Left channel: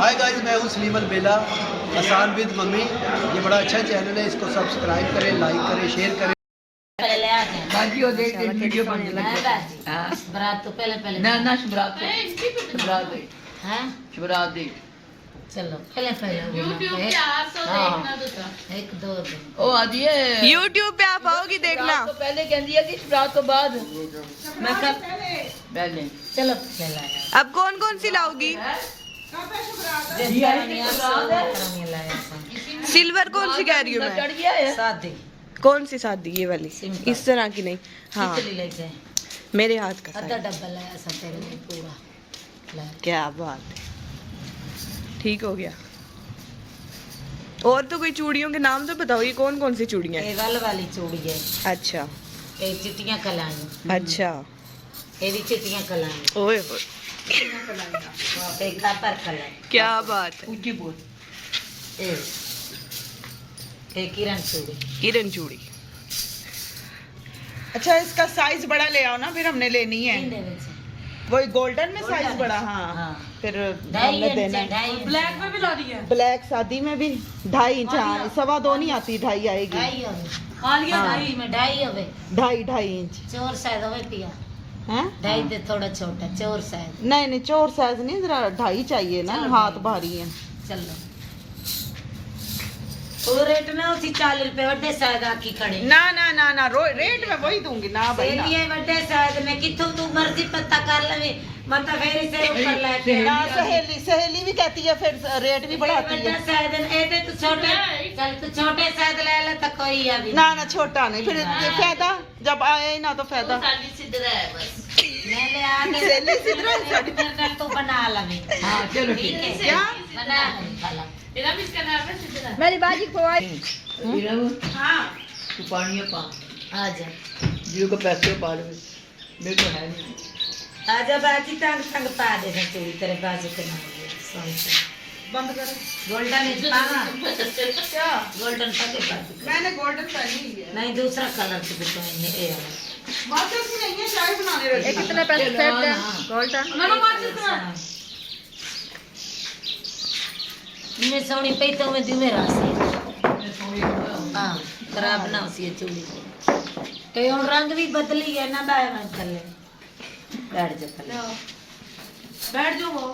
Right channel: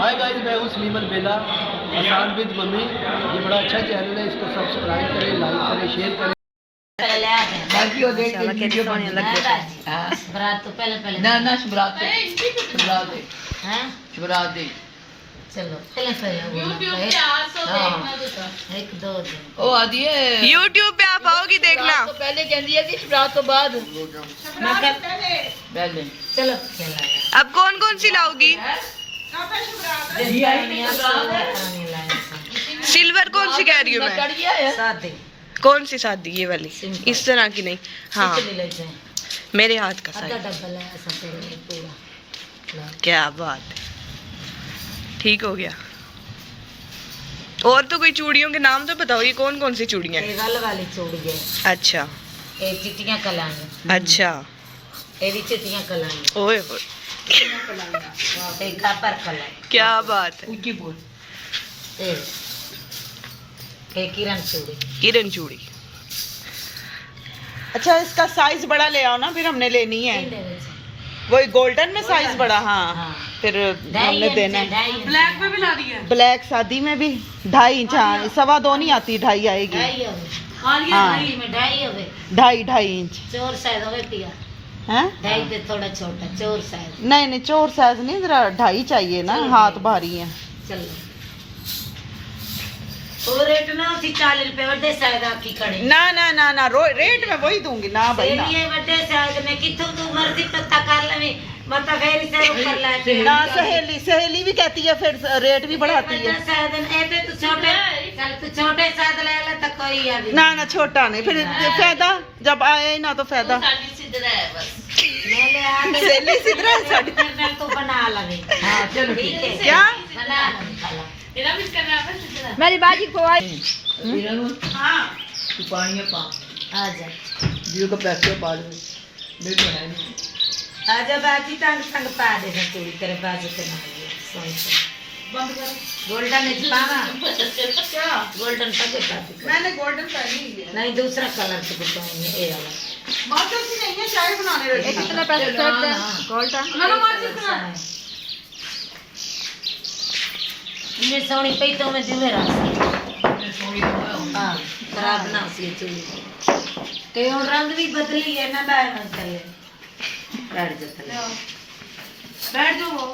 Hi guys, मैं हूँ सलीम अलबेला, आसान विद मम्मी। ये बड़ा अच्छा चैनल है, इसको सब्सक्राइब करें, लाइक करें, शेयर करें। बाकी वो देख के वीडियो बनाने लग गए। हां बरात तो पहले ना शुभरात दे हैं शुभरात दे। चलो पहले YouTube पे 800 देखना तो एक दो दिन ओ आदि है YouTube पे आप आओगी देखना। तो पहले कहती है कि शुभरात तो बाद मैं कल पहले चलो खेला अब कौन कौन सी लाओगी? सिल्वर कौन सी कह रही हूँ मैं? चढ़ गया है शादी कौन सी शादी? ये वाली, सिंपल। इस तरह की नहीं। हाँ, ले लेते हैं मेरे हाथ का आधा साइज। डब्बा लाया सब पूरा क्या बात है, ठीक हो गया। और तो कोई चूड़ियों के नाम तो बताओ, ये कौन कौन सी चूड़ियाँ हैं? ये गल वाली चूड़ी है, अच्छा ये चिट्टियां कलांगे, अच्छा, ये भी चिट्टियां कलांगे, ओए होए, ये कापर कला, क्या बात है। ऊंची बोल ये किरण चूड़ी। किरण चूड़ी। अच्छा, इसका साइज बड़ा ले आओ ना, फिर हमने लेनी है। तीन दे विच वही गोल्डन में साइज बड़ा। हाँ, हाँ। फिर ढाई हमने इंच देना है। ब्लैक में भी ला दी है। ब्लैक शादी में भी 2.5 इंच। हाँ, 2.25 नहीं आती, 2.5 आएगी। ढाई हवे हाल ये हाँ। भाई में ढाई हवे 2.5 इंच चोर साइज हवे पिया है। ढाई दे थोड़ा छोटा चोर साइज। नहीं नहीं, चोर साइज नहीं, जरा 2.5 चाहिए ना, चलो, हाथ 2.5 भारी है। चलो वो रेट ना उसी 40 रुपए वड्डे साइज आकी खड़े ना ना ना ना, रेट में वही दूंगी ना भाई ना। ये वड्डे साइज में किथों तू मर्जी पता कर लवे मत फेरी से ऊपर लाके ना, सहेली भी कहती है, फिर रेट भी बढ़ाती है। साइज ऐसे तू छोटे चल तू छोटे साइज ले ले तो कोई अभी ना ना, छोटा नहीं, फिर फायदा जब आए ना तो फायदा। साड़ी सिद्धरा है बस। ले ले आके सहेली सिद्धरा साड़ी। फिर तू बना लवे हाँ चलो ठीक है क्या? बना लवे खाला तेरा भी इसका नाम है सिद्धरा। मेरी बाजी को आई। हाँ, तू पानी पा आ जा जीव को पैसे पा लो मेरे को है नहीं। आ जा बाजी तंग तंग पा दे चूड़ी तेरे बाजू के ना सोई से बंद करो। गोल्डन इज पाना क्या? गोल्डन तक पा दे मैंने गोल्डन पहनी हुई है। नहीं दूसरा कलर तो पाएंगे ये वाला मार्केट से नहीं है, चाय बनाने रखी है। कितने पैसे चलो, देते हैं? हाँ। गोल्डन ना मार्जिन करा। इनमें सोनी पे तो मैं दिमे रास्ते सोनी लगा हां खराब ना सी चूड़ी कई और रंग भी बदली है ना दाए में चले बैठ जा चले बैठ जाओ वो।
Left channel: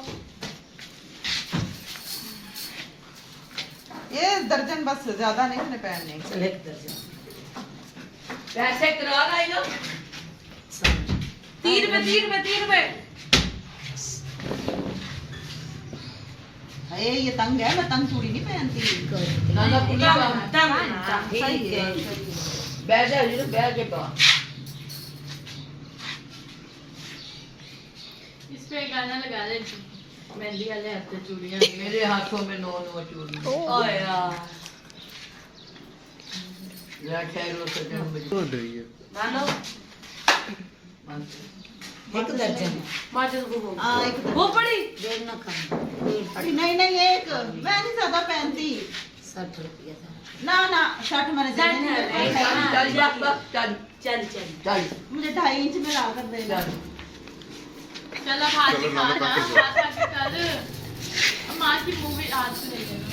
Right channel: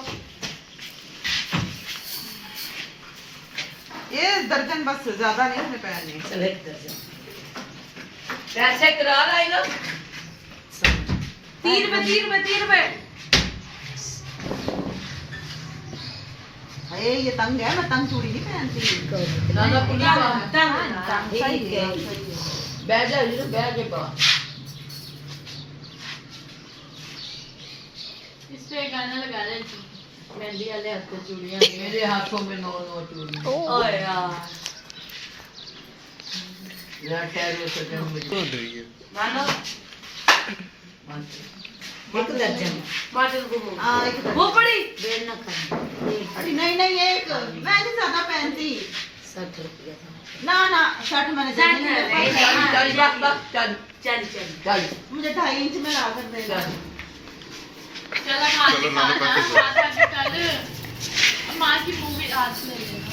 ये दर्जन बस, ज्यादा नहीं हमने पहनने। चल एक दर्जन पैसे करा रहा है ना 3 रुपए। अरे ये तंग है, मैं तंग चूड़ी नहीं पहनती। ना ना पुनी पा ठीक है बैठ जा जीरो बैठ के पा इस पे गाना लगा ले मेहंदी वाले हाथ पे चूड़ियां। मेरे हाथों में नो चूड़ी ओए यार या ठहरो सके मुझे मानो एक दर्जन मार्जिन को वो। हाँ, एक वो पड़ी देर ना कर अरे नहीं नहीं, एक मैं नहीं ज्यादा पहनती। 60 रुपया था ना ना, 60 मैंने देने नहीं, हैं। चल जा चल चल मुझे 2.5 इंच में ला कर देना। चल अब हाथ दिखा ना हाथ आके कर माँ की मूवी आज ले लेना।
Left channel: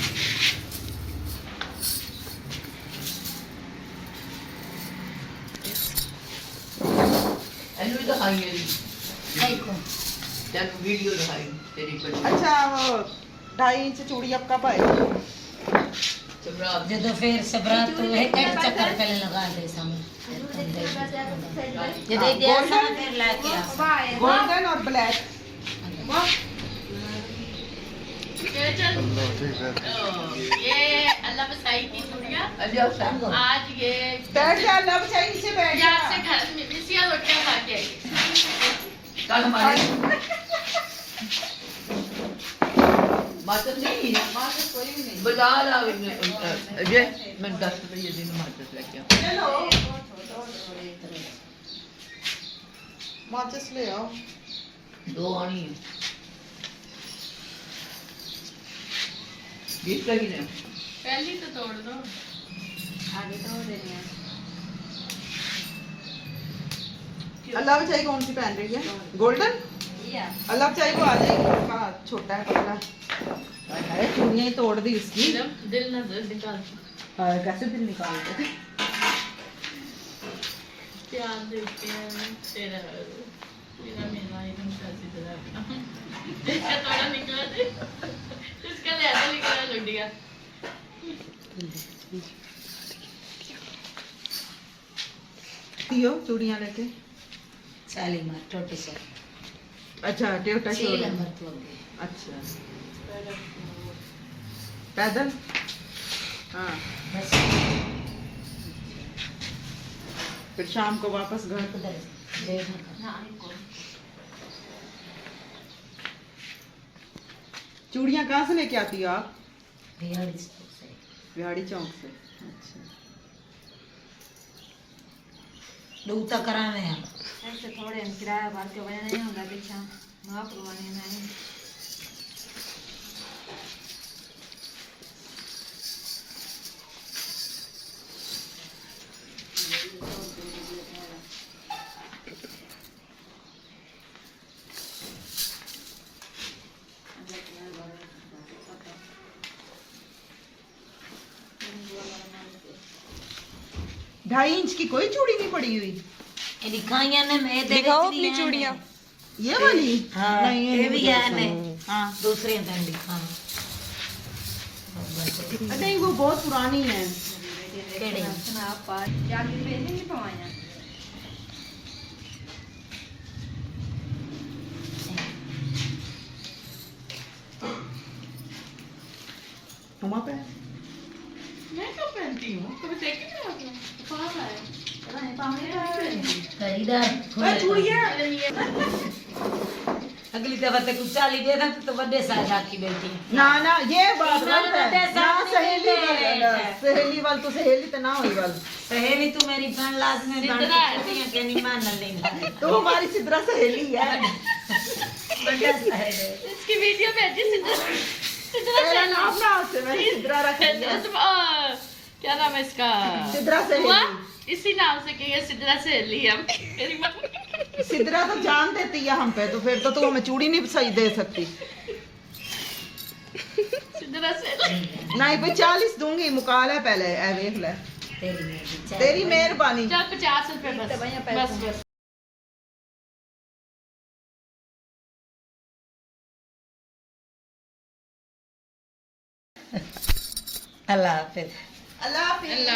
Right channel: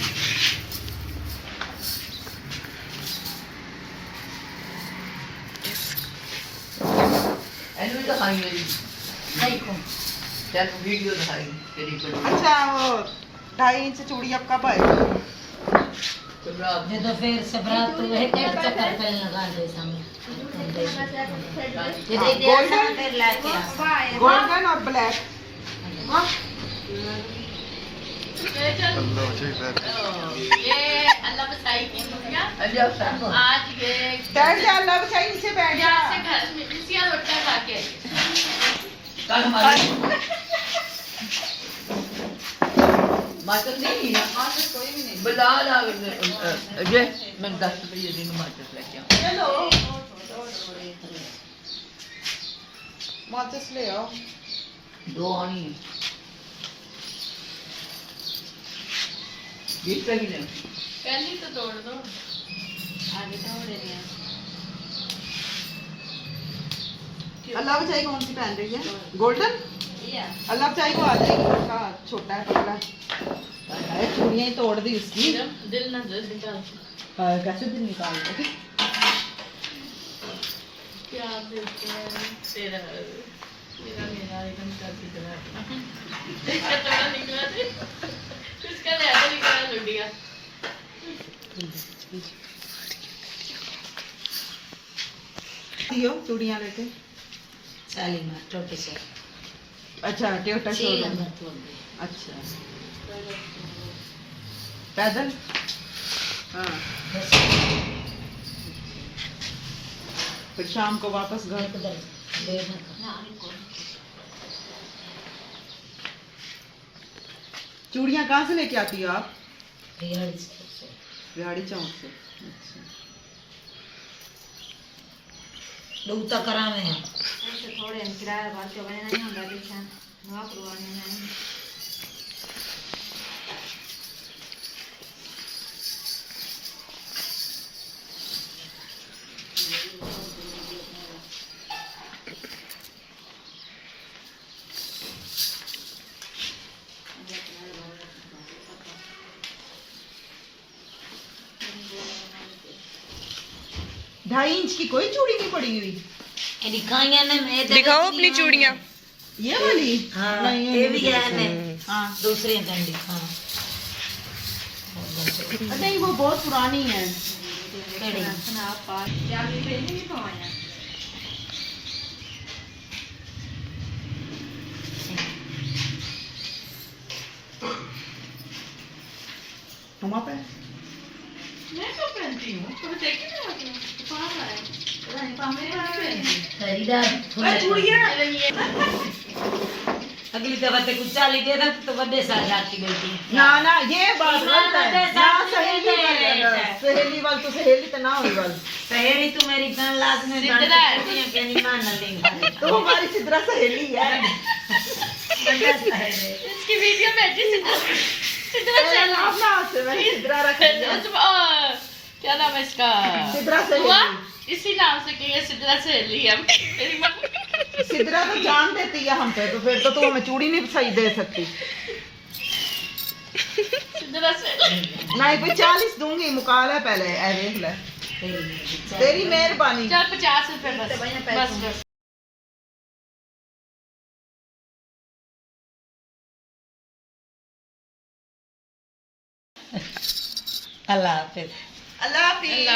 एनु दिखाई मेरी सही को चल वीडियो दिखाई तेरी पर अच्छा, वो 2.5 इंच चूड़ी अब कब आएगी? शुभरात जो तो फिर से बरात तो है एक चक्कर पहले लगा दे सामने ये दे दिया सामने लाके गोल्डन और ब्लैक। चल ये अल्लाह बसाई की दुनिया अल्लाह सान आज ये कैसे अल्लाह बचाई, नीचे बैठ जा। यहाँ से घर में इसिया रोटियां खा के आई। कल हमारे माचस नहीं है कोई भी नहीं। बाजार आ ये मैं 10 रुपये दिन माचस लेके आऊं चलो, माचिस ले आओ। 2 आनी है 20 का ही ले पहली तो तोड़ दो आगे तो दे दिया। अल्लाह बचाई कौन सी पहन रही है? गोल्डन। अल्लाह बचाई को आ जाएगी, उसका छोटा है कपड़ा। चूड़ियां ही तोड़ दी उसकी। दिल ना दिल निकाल कैसे दिल निकाल दे? प्यार देते हैं तेरा मेरा मेरा एकदम चाची दिला इसका थोड़ा निकला थे इसका ले आते निकला लुट गया दियो चूड़ियां लेके। शालीमार छोटे से अच्छा टेटा 6 शोरूम। नंबर तो गए। अच्छा पैदल। हाँ बस फिर शाम को वापस घर। उधर देखो चूड़ियां कहाँ से लेके आती हो आप? बिहारी से बिहाड़ी चौक से। अच्छा दूता करा में है ऐसे थोड़े हम किराया भर के बने नहीं होता पीछा वहाँ पुरवाने नहीं ढाई इंच की कोई चूड़ी नहीं पड़ी हुई। ये दिखाइया ने मैं दिखाओ अपनी चूड़ियां। ये वाली? हाँ नहीं, ये भी है ने हाँ दूसरे दिन दिखाओ नहीं वो बहुत पुरानी है। केड़ी आप पास क्या भी पहने नहीं पवाया हम पे मैं कब पहनती हूँ कभी देखी नहीं होती कहाँ है नहीं पावे पहनती खरीदार अगली दफा तक कुछ चाली दे ना तो बड़े साथ की बेटी ना ना ये बात इस गलत बार है बर्थडे ना। साथ सहेली में दे रहे वाली हैं। सहेली वाली तो सहेली तो ना हुई वाली। पहली तू मेरी बहन लाज में बन सिद्धरा है। के के नहीं मान लेंगे तो हमारी सिद्रा सहेली है। बड़ा साहेब है इसकी वीडियो भेजी सिद्धरा मेरा नाम ना से मैंने सिद्रा रख दिया। क्या नाम है इसका सिद्रा हुआ सहेली। इसी नाम से कहिए सिद्धरा सहेली है मेरी मम्मी सिद्रा तो जान देती है हम पे, तो फिर तो तू हमें चूड़ी नहीं सही दे सकती। सिद्धरा सहेली नहीं कोई 40 दूंगी मुकाला पहले ऐ देख ले। तेरी तेरी मेहरबानी। चल 50 रुपए बस बस अल्लाह हाफिज अल्लाह हाफिज।